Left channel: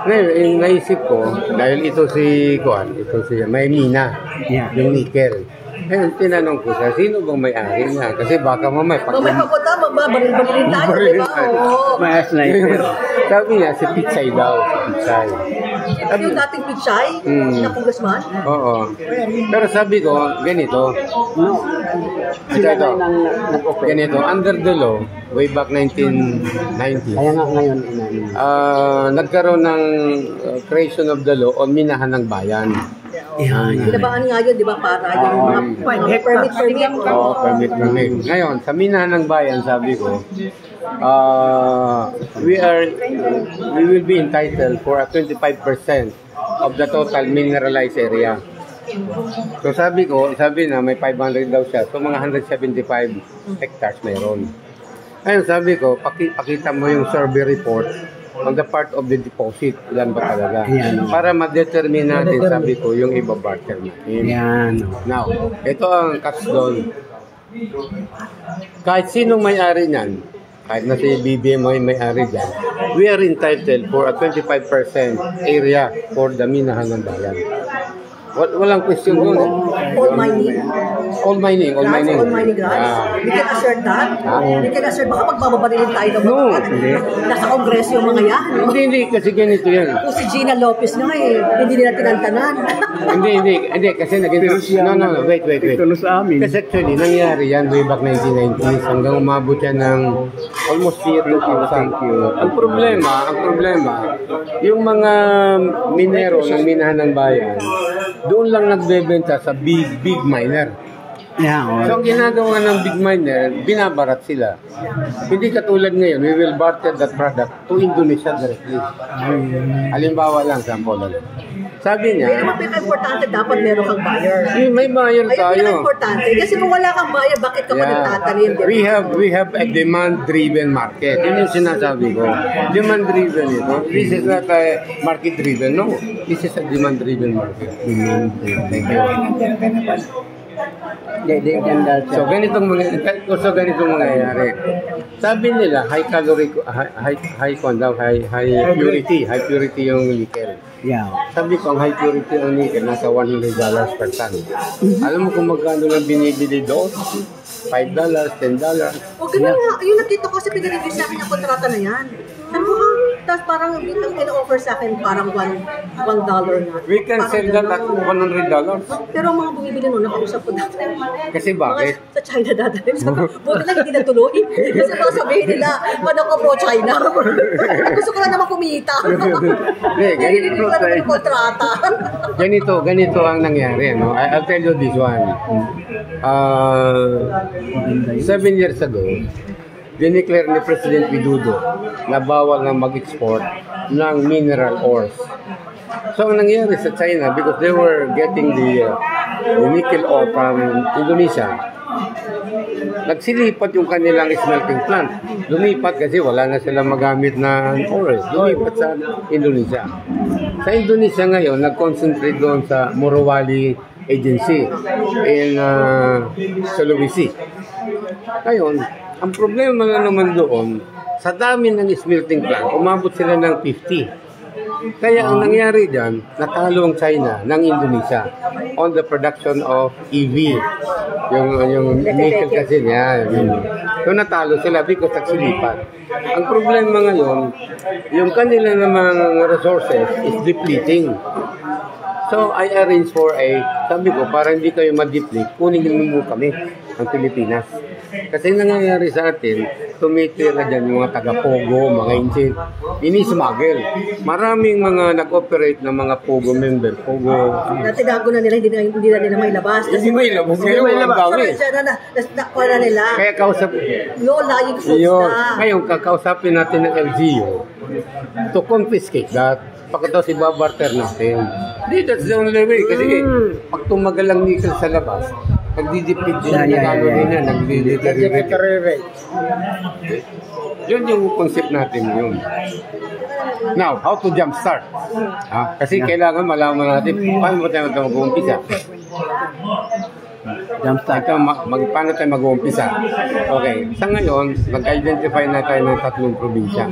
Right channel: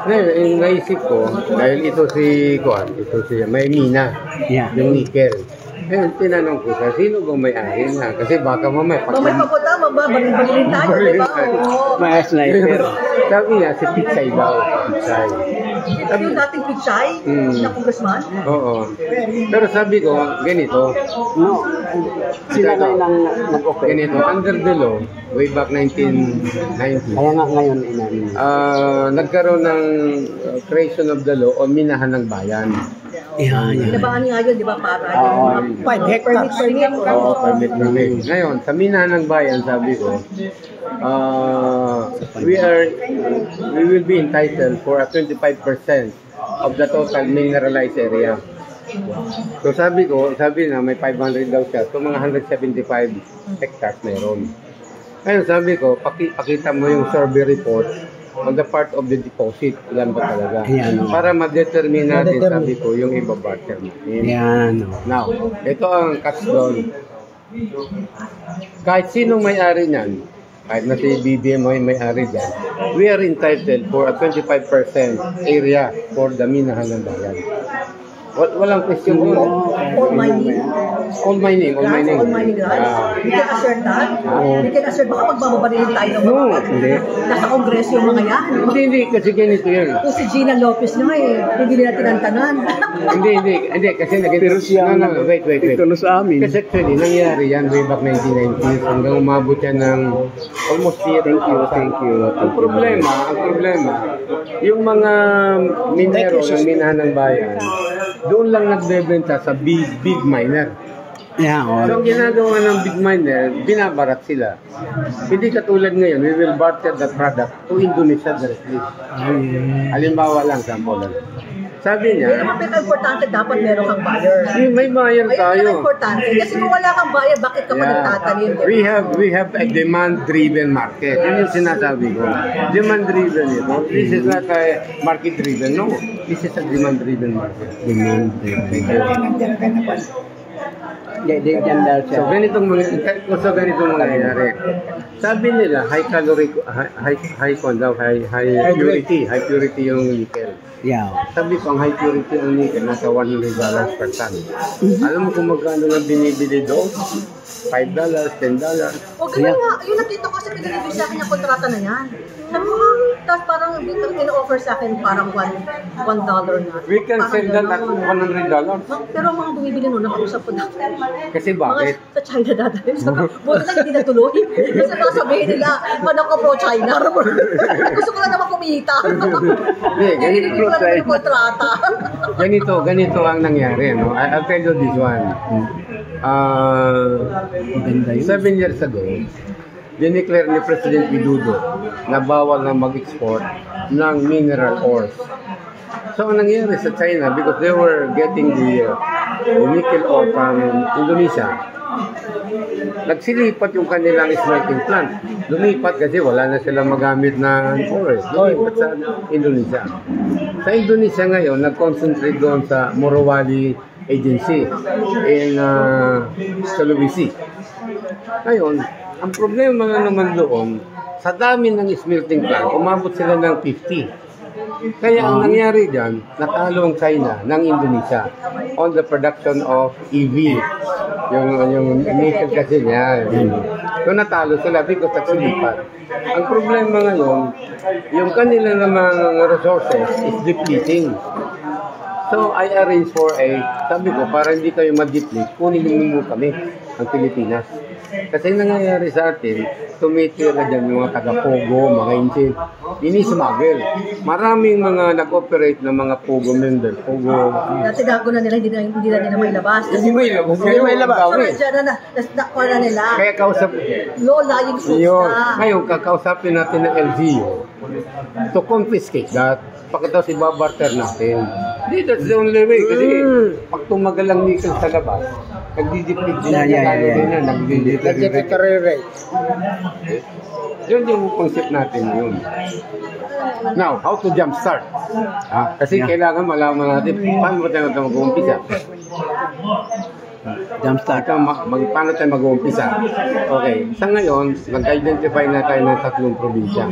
Ngayon, naisip ko, dahil ito si may mina, yung nickel. Ngayon, tinanong ko sa sino bang may-ari na? Kasi baka mamaya. Mababalin tayo, di ba? Mas na ito. Sabi niya, si Pichay daw. Pichay. Sabi yung dating Pichay, na congressman? Oo. Pero sabi ko, ganito. No. Sila na yung nag-open. Ganito, under the law, way back 1990. Kaya nga ngayon, nagkaroon ng creation of the law o minahan ng bayan. Binabangan nga yun, di ba? Para yung permit. Oo, permit. Ngayon, sa minahan ng bayan, sabi ko, we will be entitled for a 25% of the total mineralized area. So sabi na may 500 daw siya. So mga 175 hectares meron. Ngayon sabi ko, pakita mo yung survey report on the part of the deposit. Ilan ba talaga? Para ma-determine natin, sabi ko, yung iba-barter natin. Now, ito ang catch doon. Kahit sinong may-ari niyan, kahit na si BBM ay may-ari dyan, we are entitled for a 25% area for the minahan ng bayan. Walang question doon. All mining. All mining grants. We can assert that. We can assert, baka magbababalin tayo ng mga nasa kongreso yung mga yan. Hindi, kasi ganito yan. Kung si Gina Lopez nga hindi nila tinantanan. hindi, kasi wait. Tulos sa amin. Kasi actually, nangyari yan way back 1990s hanggang umabot yan ng almost 0,000. Ang problema, yung mga minero ng minahan ng bayan, doon lang nagbebenta sa big miner. So ang ginagawa ng big miner, binabarat sila. Hindi katulad ngayon, we will barter that product to Indonesia directly. Halimbawa lang, sample lang. Sabi niya, importante dapat meron kang buyer. May buyer tayo. Importante. Kasi kung wala kang buyer, bakit ka nagtatanim? We have a demand-driven market. Yun yung sinasabi ko. Demand-driven ito. This is not a market-driven. No. This is a demand-driven market. Demand-driven. So ganitong nangyayari. Sabi nila high purity yung nickel. Sabi ko ang high purity yung nickel nasa $100 per ton. Alam mo kung magkano lang binibili doon? $5, $10. O ganun nga, yung nakita ko kasi pinanibig sa akin yung kontrata na yan. Tapos parang ang pina-offer sa akin parang $1 na. We can sell that at $100. Pero mga bumibili nun, nakausap ko dati. Kasi bakit? Sa China dati. Buti lang hindi natuloy. Kasi baka sabihin nila, paano ko pro-China? Gusto ko lang naman kumita. Ganito ang nangyari. No? I'll tell you this one. 7 years ago, dineclare ni President Widodo na bawal na mag-export ng mineral ores. So ang nangyari sa China, because they were getting the nickel ore from Indonesia, nagsilipat yung kanilang smelting plant. Lumipat kasi wala na silang magamit na ore. Lumipat sa Indonesia. Sa Indonesia ngayon, nag-concentrate doon sa Morowali Agency in Sulawesi. Ngayon, ang problema na naman doon, sa dami ng smelting plant, umabot sila ng 50. Kaya ang nangyari dyan, natalo ang China ng Indonesia on the production of EV. Yung nickel kasi niya. So natalo sila because nagsilipat. Ang problema ngayon, yung kanila namang resources is depleting. So I arrange for sabi ko, para hindi kayo ma-deplete, kunin mo kami, ang Pilipinas. Kasi nangyayari sa atin, tumitira dyan yung mga taga-Pogo, mga Inchik, ini-smuggle. Maraming mga nag-operate ng mga Pogo member, Pogo. Natinago na nila, hindi na nila may labas. Hindi may labas. Nakpa na nila. Kaya kausap. Lola, yung suits na. Ngayon, kakausapin natin ng LGU to confiscate that. Pagkatapos ibabarter natin. Hindi, that's the only way. Kasi pag tumagal ang nickel sa labas, nagdi-deplete din na nagdi-deteriorate. Yun yung concept natin yun. Now, how to jumpstart? Kasi kailangan malaman natin paano tayo mag-umpisa. Jumpstart. Paano tayo mag-uumpisa? Okay, sa ngayon, mag-identify na tayo ng 3 probinsya.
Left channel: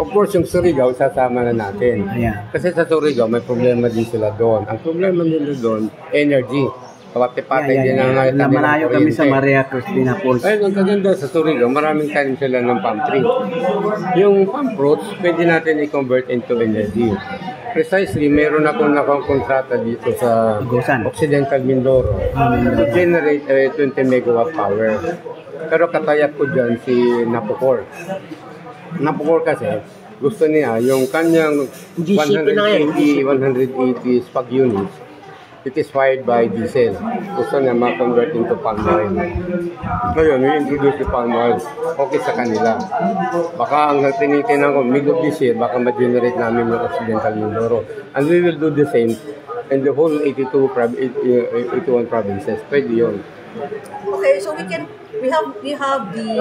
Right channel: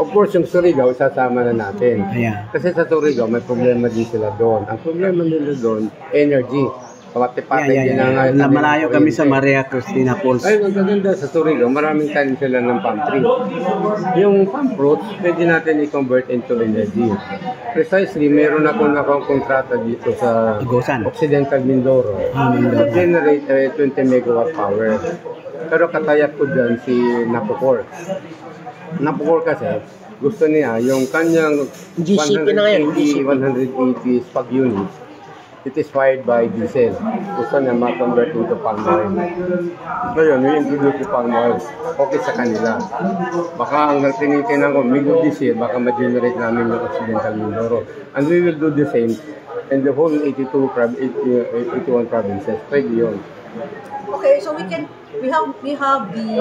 Of course, yung Surigao, sasama na natin. Ayan. Kasi sa Surigao, may problema din sila doon. Ang problema nila doon, energy. Kawati-pati din ang Na malayo kami sa Maria Cristina Falls. ay, ang kaganda sa Surigao, maraming kanin sila ng palm tree. Yung palm fruits, pwede natin i-convert into energy. Precisely, meron akong kontrata dito sa Agusan. Occidental Mindoro. To generate 20 megawatt power. Pero katayat ko dyan si Napocor. Napocor kasi, gusto niya yung kanyang GCP na ngayon, 180 spag units. It is fired by diesel. Gusto niya ma-convert into palm oil. Ngayon, i-introduce yung palm oil. Okay sa kanila. Baka ang tinitingnan ko, mid of this year, baka ma-generate namin ng Occidental Mindoro. And we will do the same in the whole 81 provinces. Pwede yun. Okay, so we have the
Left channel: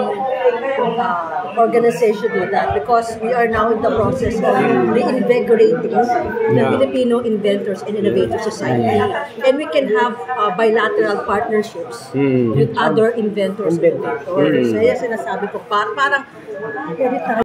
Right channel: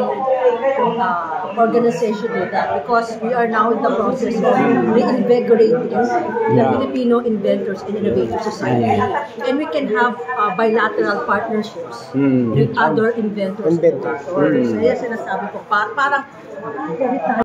organization with that because we are now in the process of reinvigorating the Filipino Inventors and Innovators Society, and we can have bilateral partnerships with other inventors and innovators. So, yan sinasabi ko, parang